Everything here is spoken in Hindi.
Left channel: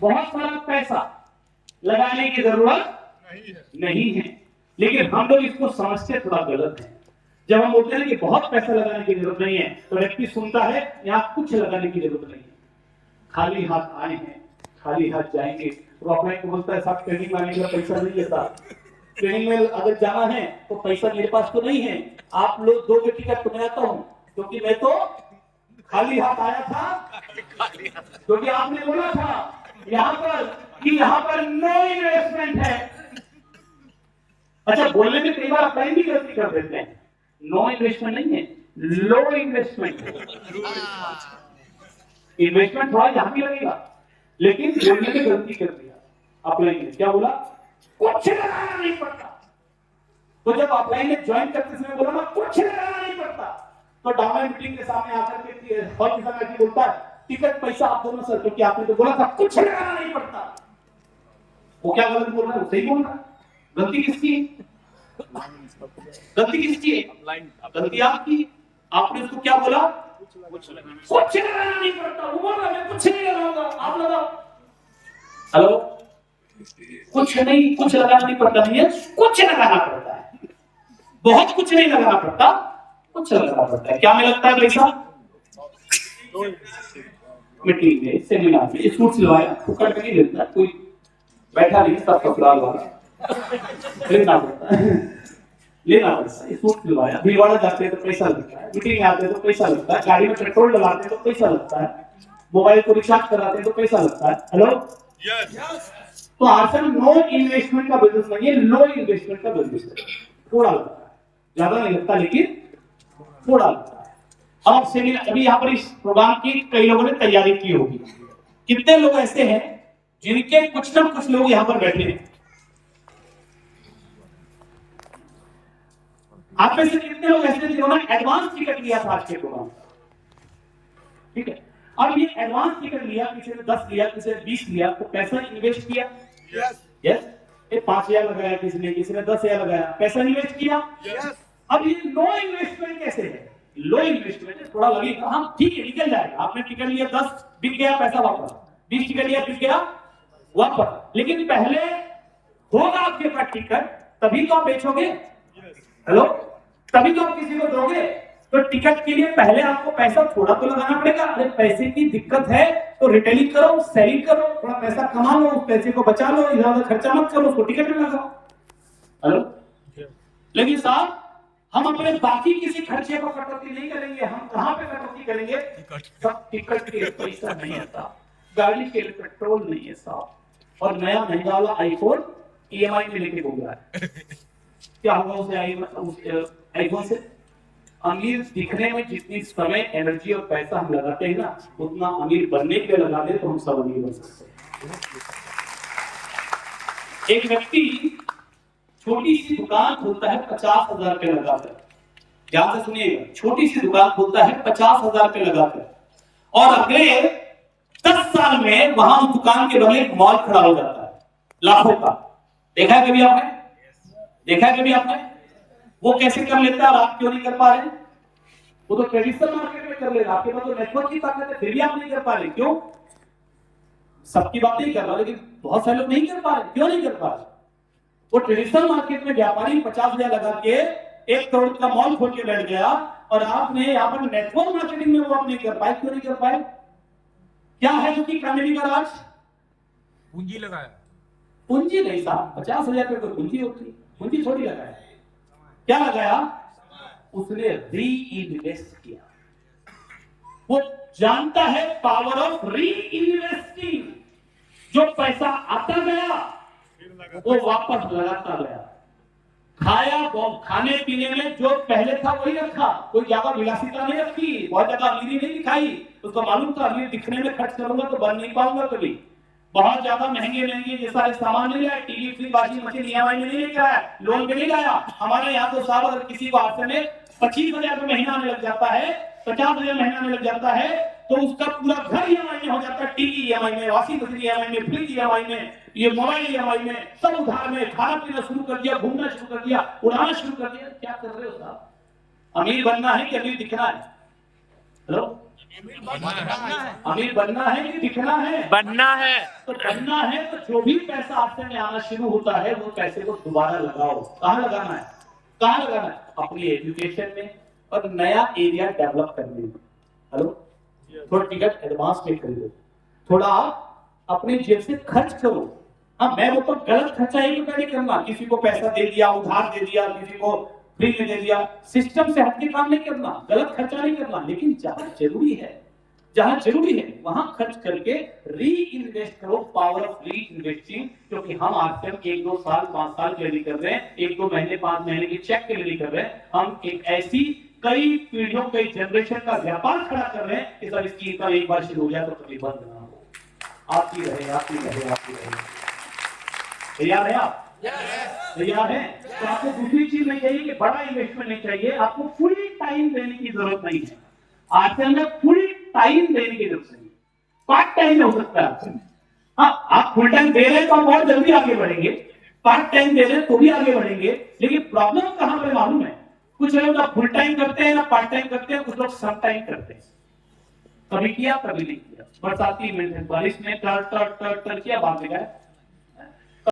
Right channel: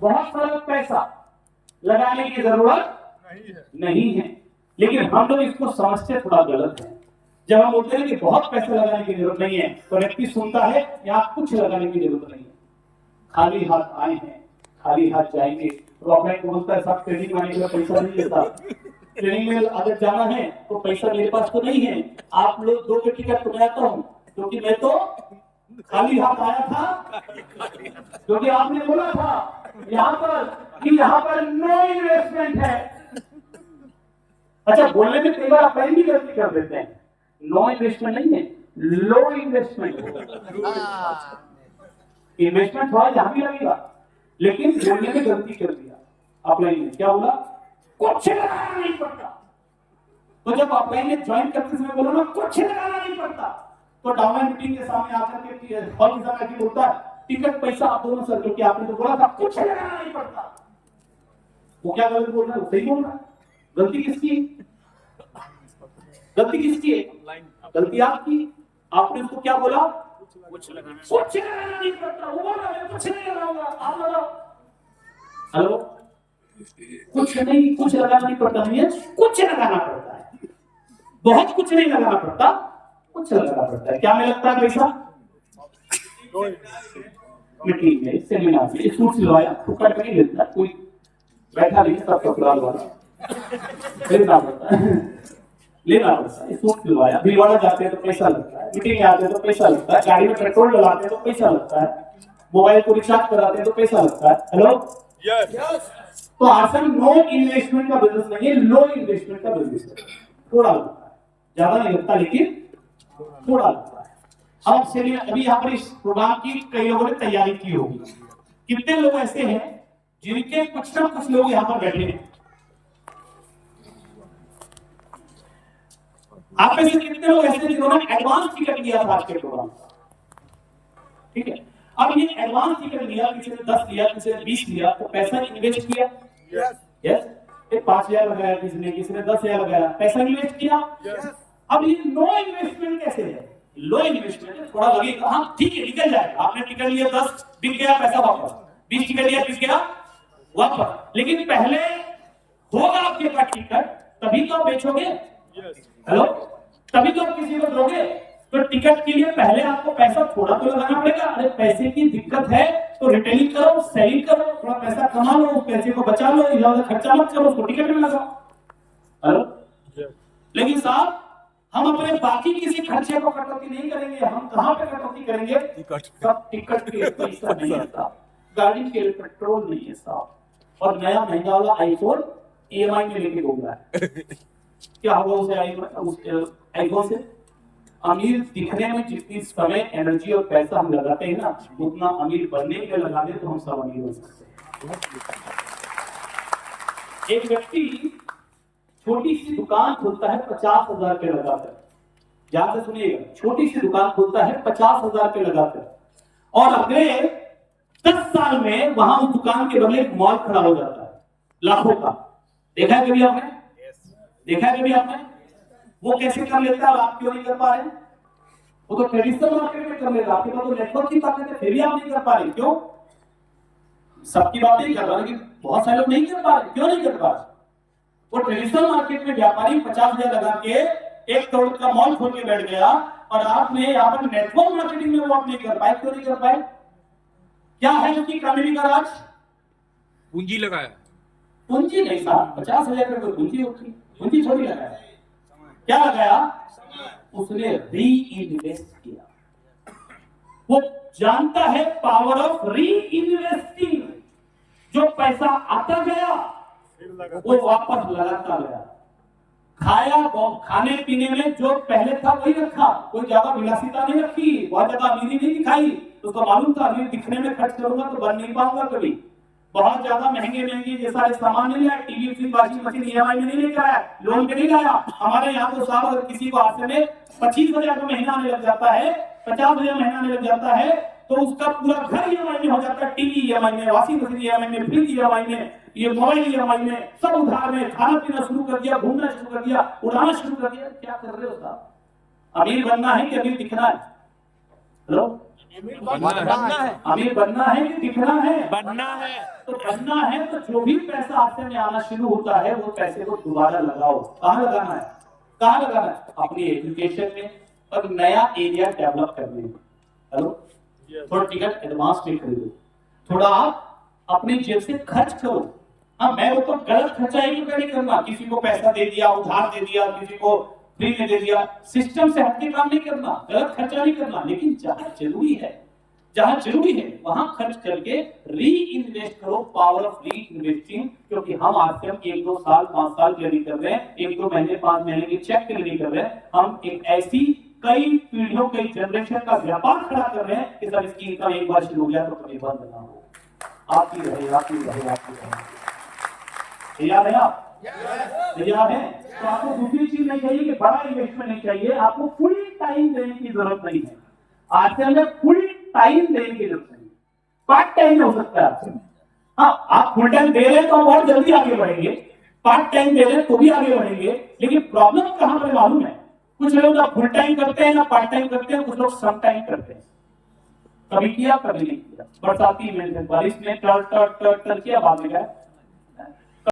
बहुत सारा पैसा लगाने की जरूरत नहीं है। लेकिन हम लोग इसको समझते थोड़ा गलत है। जब हम बोलते हैं कि बहुत पैसा लगाने की जरूरत नहीं है, तो व्यक्ति सुनता है यहाँ कुछ लगाने की जरूरत नहीं है, खाली हाथ आए हैं खाली हाथ जाएंगे। तो अपने को बोलता है साहब ट्रेनिंग में आने के लिए पैसा नहीं है साहब, ट्रेनिंग में अगर जाना है तो पैसा मेरे पास तो नहीं है, आप लोग दो के टिकट तो मैं आता हूँ, क्योंकि मैं तो खाली हाथ आया था, क्योंकि आपने बोला था यहाँ पर कि यहाँ पर नो इन्वेस्टमेंट है। अच्छा, बोलने में कई बार आप भी गलती कर देते हैं, नो इन्वेस्टमेंट नहीं है, लो इन्वेस्टमेंट। इन्वेस्टमेंट थोड़ा यहां भी लगेगा, लेकिन बोलने में गलती कर दिया। अपलाइन ने क्या बोला, कुछ लगाना नहीं पड़ता। तो जब अपलाइन ने ज्वाइन करते समय बोला ना कुछ लगाना नहीं पड़ता, तो डाउनलाइन मीटिंग के सामने आकर के हॉल के सामने बोलता है टिकट पैसा आप दोनों सर, क्योंकि आपने तो बोला था कुछ लगाना नहीं पड़ता। वो क्या गलत बोल रहा है, वो सही बोल रहा है। गलती किसकी, गलती किसकी है, गलती आपकी। आपने उसको क्या बोला, कुछ लगाना नहीं पड़ता। वो बोल रहा है कुछ नहीं लगाऊंगा, आप लगाओ। हेलो, कुछ नहीं, कुछ लगाना नहीं पड़ता नहीं है, कुछ लगाना पड़ता है। बहुत कुछ नहीं लगाना पड़ता, कुछ लगाना पड़ता है। क्या में लगता है पैसा, मीटिंग में, सेमिनार में, सूट सिलवाया फुकट में नहीं लेता कोई, बैठा नहीं सब कपड़ा वाला लेना पड़ता है, लेना पड़ता है। सूट सिलवाया, भिलवाड़ा जाते हैं तो पैसा लगता है, मीटिंग में आते हैं तो पैसा लगता है, गाड़ी में पेट्रोल डलाते हैं तो पैसा लगता है, मोबाइल को रिचार्ज कराते हैं तो पैसा लगता है। हेलो, तो आसन नो इन्वेस्टमेंट का बिजनेस नहीं है, लो इन्वेस्टमेंट का बिजनेस है। थोड़ा लगता है, ज्यादा नहीं लगता, लेकिन थोड़ा लगता है। अब सेमिनार, अभी यहाँ पर इस प्रोग्राम की कई लोगों ने तैयारी की होगी। कितने लोग ऐसे हैं जिनके कुछ ना कुछ लोग यहाँ पर बैठे हैं? आप में से कितने लोग ऐसे जिन्होंने एडवांस टिकट लिया था आज के प्रोग्राम का? ठीक है, अब ये एडवांस टिकट लिया, किसी ने 10 लिया, किसी ने 20 लिया, तो पैसा इन्वेस्ट किया। यस, 5,000 लगाया किसी ने 10,000 लगाया, पैसा इन्वेस्ट किया। अब ये नो इन्वेस्टमेंट कैसे है? लो इन्वेस्टमेंट है, थोड़ा लगेगा, हाँ ठीक है निकल जाएगा। आपने टिकट लिया 10, बिक गया, पैसा वापस। 20 टिकट लिया, बिक गया, वापस। लेकिन पहले होगा आपके पास टिकट, तभी तो आप बेचोगे। हेलो, तभी तो आप किसी को दोगे। तो टिकट के लिए पहले आपको पैसा थोड़ा तो लगाना पड़ेगा। अरे पैसे की दिक्कत है तो रिटेलिंग करो, सेलिंग करो, थोड़ा पैसा कमा लो, उस पैसे को बचा लो, इधर खर्चा मत करो, उसको टिकट में लगाओ। हेलो, लेकिन साहब हम अपने बाकी किसी खर्चे को कटौती नहीं करेंगे। हम कहां पे कटौती करेंगे? सब टिकट के पैसा नहीं आता, गाड़ी के लिए पेट्रोल नहीं है साहब, और नया महंगा वाला आईफोन ईएमआई में लेके घूम रहा है। क्या होगा उसे आईफोन से? अमीर दिखने में जितनी समय, एनर्जी और पैसा हम लगाते हैं ना, उतना अमीर बनने के लिए लगा दे तो हम सब अमीर बन सकते हैं। एक व्यक्ति छोटी सी दुकान खोलता है 50,000 रुपए लगाकर, ध्यान से सुनिएगा, छोटी सी दुकान खोलता है 50,000 रुपए लगाकर, और अगले 10 साल में वहां उस दुकान के बगले एक मॉल खड़ा हो जाता है लाखों का। देखा है कभी आपने? देखा है कभी आपने? वो कैसे कर लेता है और आप क्यों नहीं कर पा रहे? वो तो ट्रेडिशनल मार्केट में कर लेगा, आपके पास तो नेटवर्क की ताकत है, फिर भी आप नहीं कर पा रहे। क्यों? सबकी बात नहीं कर रहा, लेकिन बहुत सारे लोग नहीं कर पा रहे। क्यों नहीं कर पा रहे? वो ट्रेडिशनल मार्केट में व्यापारी 50,000 लगा के 1 करोड़ का मॉल खोल के बैठ गया, और आपने यहाँ पर नेटवर्क मार्केटिंग में वो आप नहीं कर पाए। क्यों नहीं कर पाए? क्या है उसकी कामयाबी का राज? पूंजी लगाया। पूंजी नहीं साहब, 50,000 रुपए कोई पूंजी होती है? पूंजी थोड़ी लगाया। क्या लगाया? उसने री इन्वेस्ट किया। वो जानता है पावर ऑफ री इन्वेस्टिंग। जो पैसा आता गया वो वापस लगाता गया। खाया, खाने पीने में जो पहले था वही रखा, कोई ज्यादा विलासिता नहीं रखी, बहुत ज्यादा अमीरी नहीं दिखाई। उसको मालूम था अमीर दिखने में खर्च करूंगा तो बन नहीं पाऊंगा कभी। बहुत ज्यादा महंगे ये सारे सामान नहीं लाया, TV, fridge, washing machine EMI में नहीं लेकर आया, लोन पे नहीं लाया। हमारे यहाँ तो साहब अगर किसी को आपसे में 25,000 महीना आने लग जाता है, 50,000 महीना आने लग जाता है, तो उसका पूरा घर ईएमआई में हो जाता है। टीवी ईएमआई में, वॉशिंग मशीन ईएमआई में, फ्रिज ईएमआई में, ये मोबाइल ईएमआई में, सब उधार में। खाना पीना शुरू कर दिया, घूमना शुरू कर दिया, उड़ाना शुरू कर दिया। क्या कर रहे हो साहब? अमीर बनना है कि अमीर दिखना है? हेलो, अमीर बनना है कि दिखना है? बनना है। तो बनना है तो जो भी पैसा आपसे में आना शुरू होता है वो पैसे को दोबारा लगाओ। कहाँ लगाना है? कहाँ लगाना है? अपनी एजुकेशन में और नया एरिया डेवलप करने में। हेलो, थोड़ा टिकट एडवांस में खरीदो, थोड़ा आप अपनी जेब से खर्च करो। हाँ, मैं वो तो गलत खर्चा ही नहीं करना, किसी को पैसा दे दिया, उधार दे दिया, किसी को फ्री में दे दिया, सिस्टम से हटके काम नहीं करना, गलत खर्चा नहीं करना। लेकिन जहां जरूरी है, जहां जरूरी है वहां खर्च करके री इन्वेस्ट करो। पावर ऑफ री इन्वेस्टिंग। क्योंकि हम आजकल 1-2 साल 5 साल के लिए नहीं कर रहे हैं, 1-2 महीने 5 महीने के चेक के लिए नहीं कर रहे हैं, हम एक ऐसी कई पीढ़ियों कई जनरेशन का व्यापार खड़ा कर रहे हैं कि सब इसकी इनकम एक बार शुरू हो गया तो कभी बंद ना हो। आपकी रहे, आपकी रहे, आपकी रहे। तैयार है आप? तैयार है? तो आपको दूसरी चीज नहीं चाहिए कि बड़ा इन्वेस्टमेंट नहीं चाहिए, आपको फुल टाइम देने की जरूरत नहीं है। आज से हमें फुल टाइम देने की जरूरत नहीं, पार्ट टाइम में हो सकता है आपसे। हाँ, आप फुल टाइम दे रहे हैं तो हम बहुत जल्दी आगे बढ़ेंगे, पार्ट टाइम दे रहे हैं तो भी आगे बढ़ेंगे। लेकिन प्रॉब्लम कहां पर मालूम है? कुछ लोग ना फुल टाइम करते हैं ना पार्ट टाइम करते हैं, कुछ लोग सम टाइम करते हैं। कभी किया कभी नहीं किया। बरसाती इवेंट है, बारिश में टर टर टर टर किया, बाद में गया।